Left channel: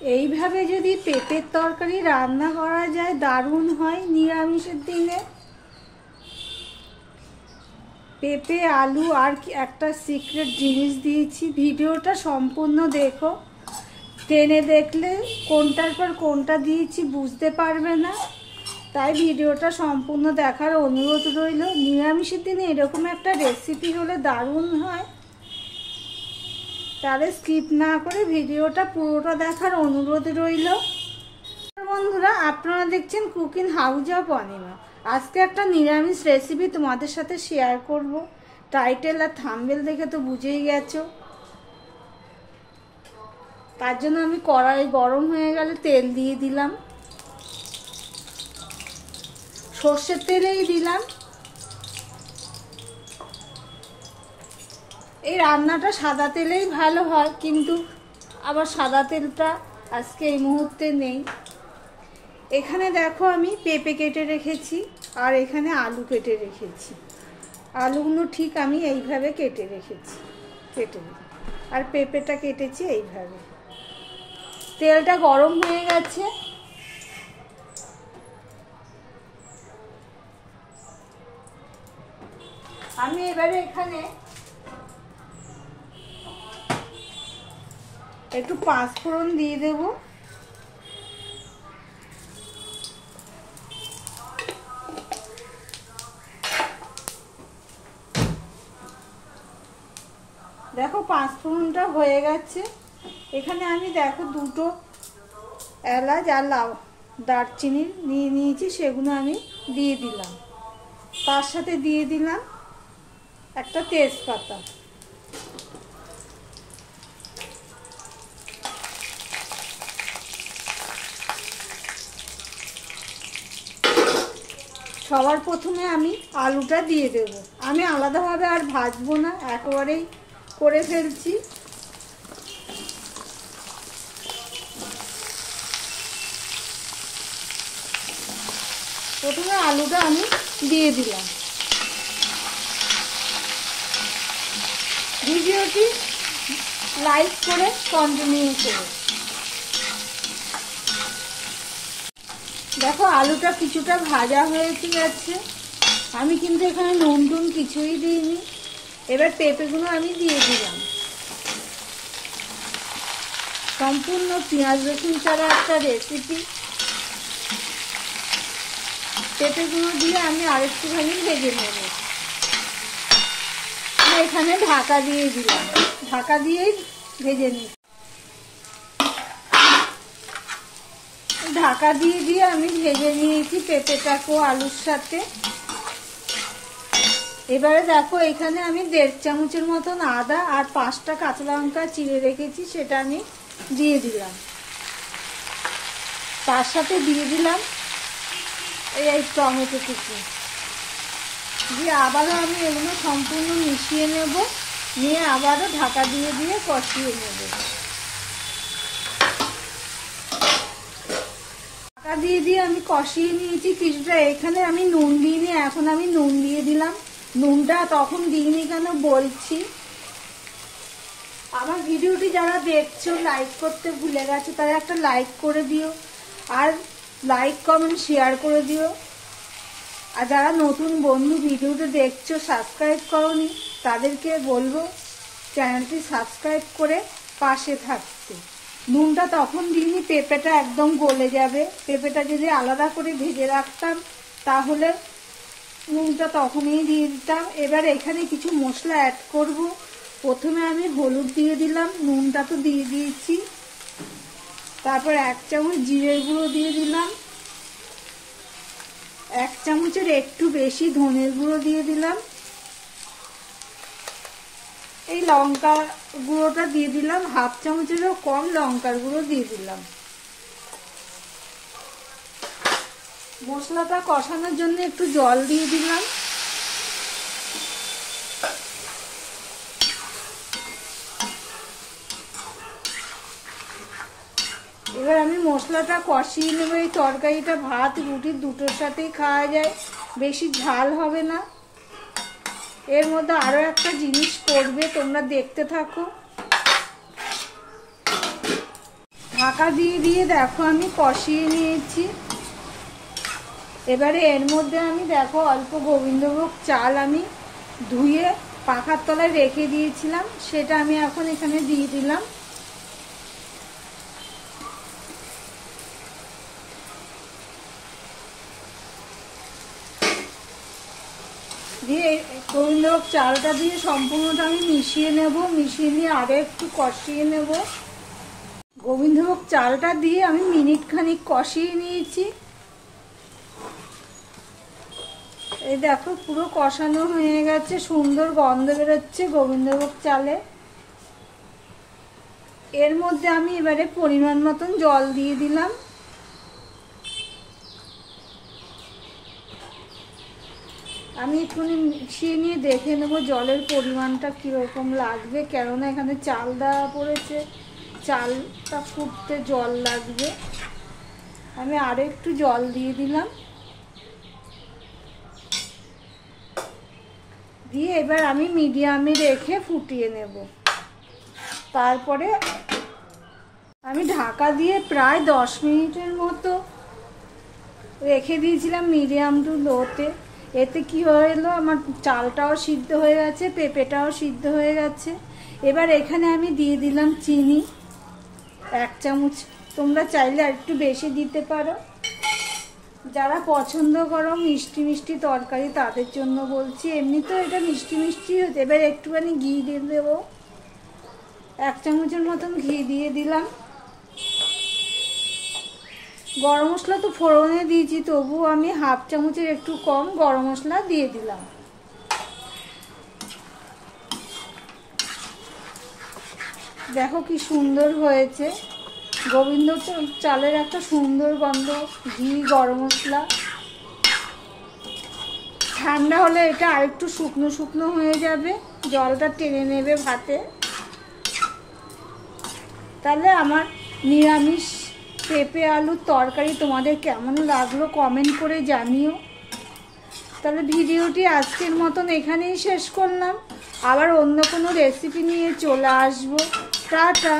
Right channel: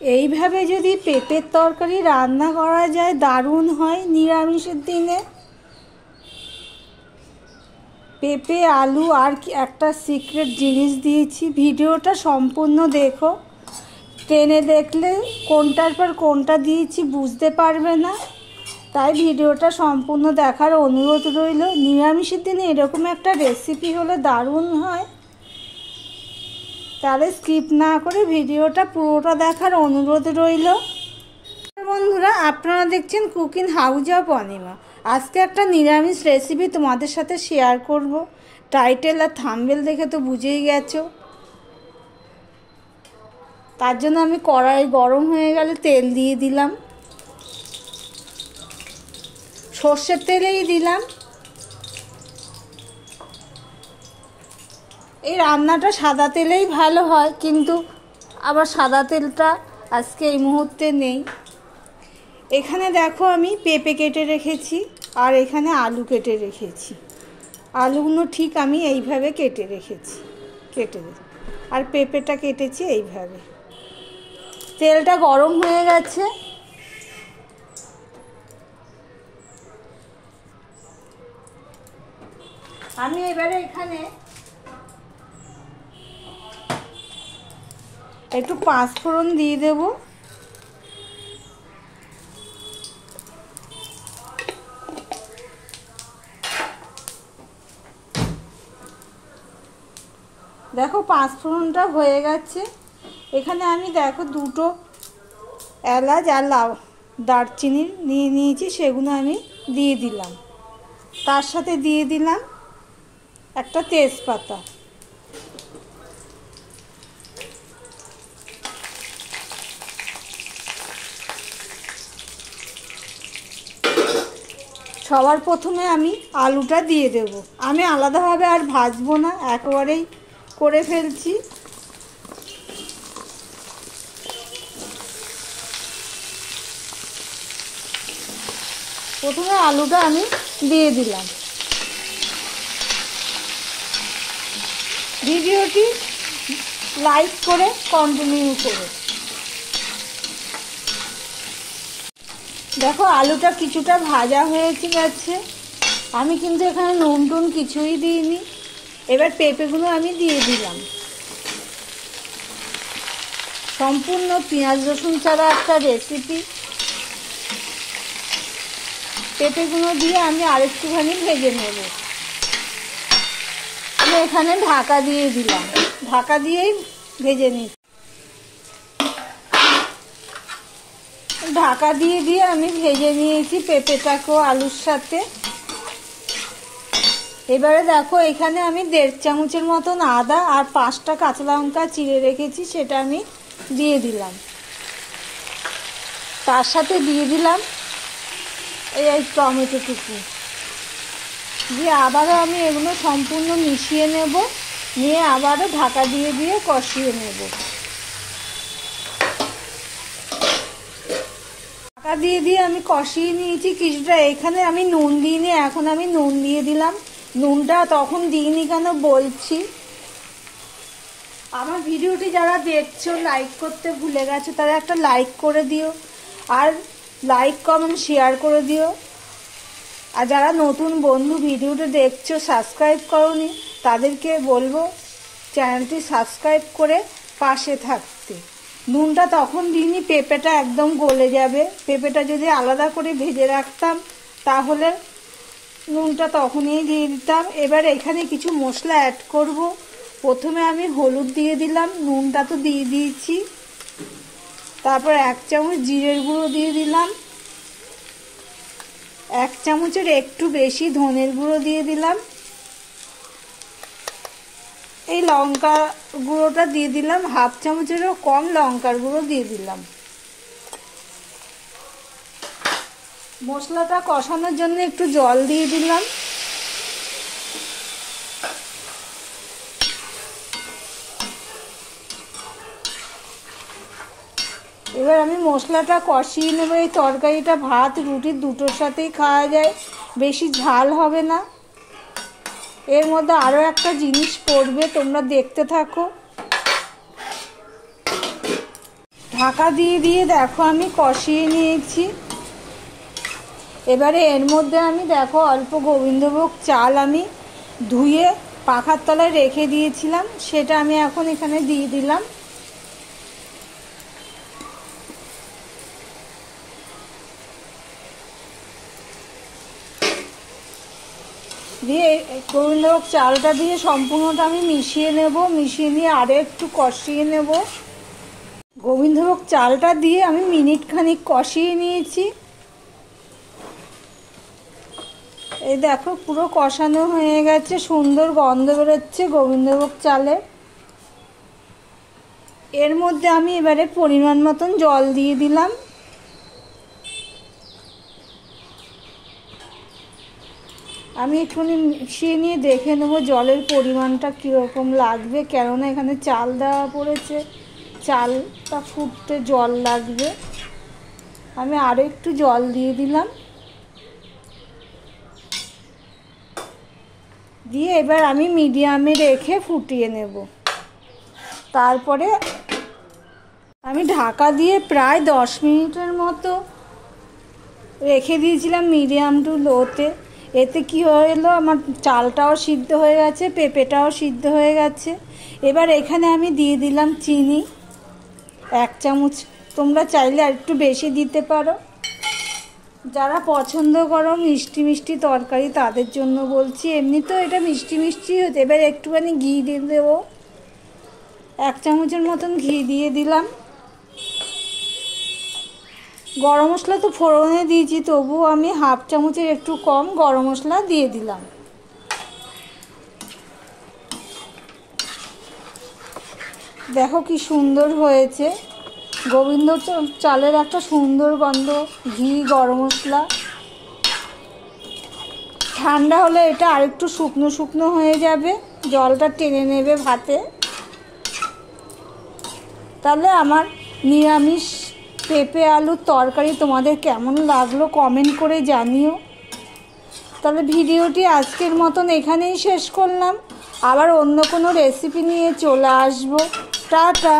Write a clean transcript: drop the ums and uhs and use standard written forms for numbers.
এইভাবে যদি পেঁপের তরকারি রান্না করা যায় দারুণ হয় নিরামিষের দিনে। পেঁপে আলু আর একটা সিক্রেট জিনিস দিয়েছি, ভিডিওটা সম্পূর্ণ দেখো। টেনে দেখলে কোনটার পর কোনটা দিয়েছি বুঝতে পারবে না, তাই ভিডিওটা সম্পূর্ণ দেখার অনুরোধ রইল। নিরামিষের দিনে এরকম একটা রেসিপি হলে দারুণ হয়, তাহলে স্কিপ না করে ভিডিওটা পুরোটা দেখার অনুরোধ রইল। বন্ধুরা, আপনারা দেখছেন কুকিং হাউস অফ অনিমা। আজকে একটা নিরামিষ রেসিপি তোমাদের সাথে শেয়ার করব। টাইটেল আর থাম্বনেল দেখে তো বুঝেই গেছো। তার জন্য আমি কড়াই গরম হয়ে গেলে তেল দিয়ে দিলাম, সর্ষের তেলেই দিলাম। এই রান্নাটা সাদা তেলেই ভালো হয়, কিন্তু আবার সাদা তেলটা আজকে এই মুহূর্তে নেই। এখানে দেখো আমি পেঁপে কেটে রেখেছি আর এখানে আলু কেটে রেখেছি। আলুগুলো ঠিক আমি এইভাবে কেটে রেখেছি, আর পেঁপেটা কেটেছি এইভাবে। তেলটা গরম হয়ে গেছে, আমি এবারে এখানে একটু পাঁচফোড়ন দিয়ে দেব। দেখো পাঁচফোড়নটা হয়ে গেছে। এখানে আমি দেখো দুটো এলাচ আর দারচিনি নিয়ে নিয়েছি, সেগুলো আমি দিয়ে দিলাম। তার সাথে দিয়ে দিলাম একটা তেজপাতা। সবার প্রথমে আমি আলুটা দিয়ে দেব। আমি আলাদাভাবে আর ভাজবো না, একেবারেই করে ফেলছি। প্রথমে আলুটা আমি দিয়ে দিলাম। ভিডিওটি লাইক করে কন্টিনিউ করো। দেখো আলুটা কিছুটা ভাজা হয়ে গেছে। আমি কিন্তু এখানে নুন টুন কিছুই দিইনি। এবার পেঁপেগুলো আমি দিয়ে দিলাম। সম্পূর্ণ পেঁয়াজ রসুন ছাড়া একটা রেসিপি। পেঁপেগুলো দিয়ে আমি আরেকটুখানি ভেজে নেব। আমি এখানে ঢাকা দিয়ে দিলাম, ঢাকা দিয়েই ভেজে নিই। ঢাকা দিয়ে আমি ভেজে নিয়েছি পেঁপেটাকেও আলুর সাথে। এবারে দেখো এখানে আমি 1.5 চামচের মতন আদা আর 5টা কাঁচা লঙ্কা চিড়ে রেখেছি, সেটা আমি দিয়ে দিলাম। তার সাথে দিয়ে দিলাম এই টমেটো কুচি দিয়ে আবারও আমি এগুলো সম্পূর্ণ মিশিয়ে নেব। নিয়ে আবারও ঢাকা দিয়ে কষিয়ে নেব। ঢাকা দিয়ে আমি কষিয়ে নিয়েছি কিছুটা। এখানে আমি নুন দিইনি, এখন আমি নুন দিয়ে দিলাম। নুনটা তখন দিইনি কেন বলছি। আমার ভিডিওটি যারা দেখছো লাইক করতে ভুলে গেছো, তারা একটা লাইক করে দিও, আর লাইক কমেন্ট শেয়ার করে দিও। আর যারা নতুন বন্ধু ভিডিওটি দেখছো সাবস্ক্রাইব করোনি, তাদেরকে বলবো চ্যানেলটি সাবস্ক্রাইব করে পাশে থাকতে। নুনটা তখন দিইনি, পেঁপেটা একদম গলে যাবে। পেঁপেটা যদি আলাদা করে ভেজে রাখতাম তাহলে নুনটা তখনই দিয়ে দিতাম। এবার এখানে কিছু মশলা অ্যাড করব। প্রথমে আমি হলুদ দিয়ে দিলাম, নুনটা তো দিয়ে দিয়েছি। তারপর 1 চামচ জিরের গুঁড়ো দিয়ে দিলাম, 1 চামচের একটু বেশি ধনের গুঁড়ো দিয়ে দিলাম। এই লঙ্কা গুঁড়োটা দিয়ে দিলাম, 1/2 চামচেরও কম লঙ্কার গুঁড়ো দিয়ে দিলাম। মশলাটা কষানোর জন্য একটু জল দিয়ে দিলাম। এবার আমি মশলাটা কষিয়ে নেব। এই তরকারিটা ভাত রুটি দুটোর সাথেই খাওয়া যায়, বেশি ঝাল হবে না। এর মধ্যে আরো একটা জিনিস পড়বে, তোমরা দেখতে থাকো। ঢাকা দিয়ে দিয়ে দেখো আমি কষিয়ে নিয়েছি। এবারে এর মধ্যে আমি দেখো অল্প গোবিন্দভোগ চাল আমি ধুয়ে পাখার তলায় রেখে দিয়েছিলাম, সেটা আমি এখন এখানে দিয়ে দিলাম। দিয়ে গোবিন্দভোগ চালটা দিয়ে সম্পূর্ণটা আমি মিশিয়ে নেব। মিশিয়ে নিয়ে আরও একটু কষিয়ে নেব। গোবিন্দভোগ চালটা দিয়ে আমি মিনিট খানিক কষিয়ে নিয়েছি। এই দেখো পুরো কষানো হয়ে গেছে, সুন্দর গন্ধ বেরোচ্ছে গোবিন্দভোগ চালে। এর মধ্যে আমি এবারে পরিমাণ মতন জল দিয়ে দিলাম। আমি একটুখানি মিশিয়ে নিয়ে দেখে নেবো জলের পরিমাণটা কীরকম লাগবে, কেননা এখানে চাল দেওয়া পড়েছে, চালটা ফুটতে জল লাগবে। আমি আরও একটু জল দিয়ে দিলাম। দিয়ে এবার আমি মিডিয়ামে রেখে ফুটিয়ে নেব। তারপরে আমি ঢাকা দিয়ে প্রায় 10 মিনিটের মতো রেখে দিয়েছিলাম মিডিয়াম টু লোতে। এতে কি হলো, আমার চালটাও সিদ্ধ হয়ে গেছে, পেঁপেটাও সিদ্ধ হয়ে গেছে। এবার এখানে আমি দিয়ে দিলাম চিনি 1 চামচ। তোমরা চাইলে আর একটু বেশি দিতে পারো। যারা পছন্দ করো মিষ্টি মিষ্টি তরকারি তাদের জন্য বলছি, এমনি তো এটা মিষ্টি মিষ্টি হচ্ছে। এবার একটুখানি ঘি দিয়ে দেবো, 1 চামচের মতন ঘি দিয়ে দিলাম। গরম মশলা তো ফোড়নে দিয়েছি, তবুও আমি 1/2 চামচের একটু কম গরম মশলা দিয়ে দিলাম। দেখো কি সুন্দর হয়েছে, গোবিন্দ চালের একটা সুন্দর গন্ধ, ঘি, গরম মশলা। ঠান্ডা হলে এটা আরেকটু শুকনো শুকনো হয়ে যাবে, জলটা টেনে নেবে ভাতে। তাহলে আমার নিরামিষ পেঁপে আলুর তরকারি তোমাদের কেমন লাগলো কমেন্ট করে জানিও। তাহলে ভিডিওটি আজকের মতন এখানেই শেষ করলাম। আবার অন্য কোনো রেসিপি নিয়ে চলে আসবো। টাটা।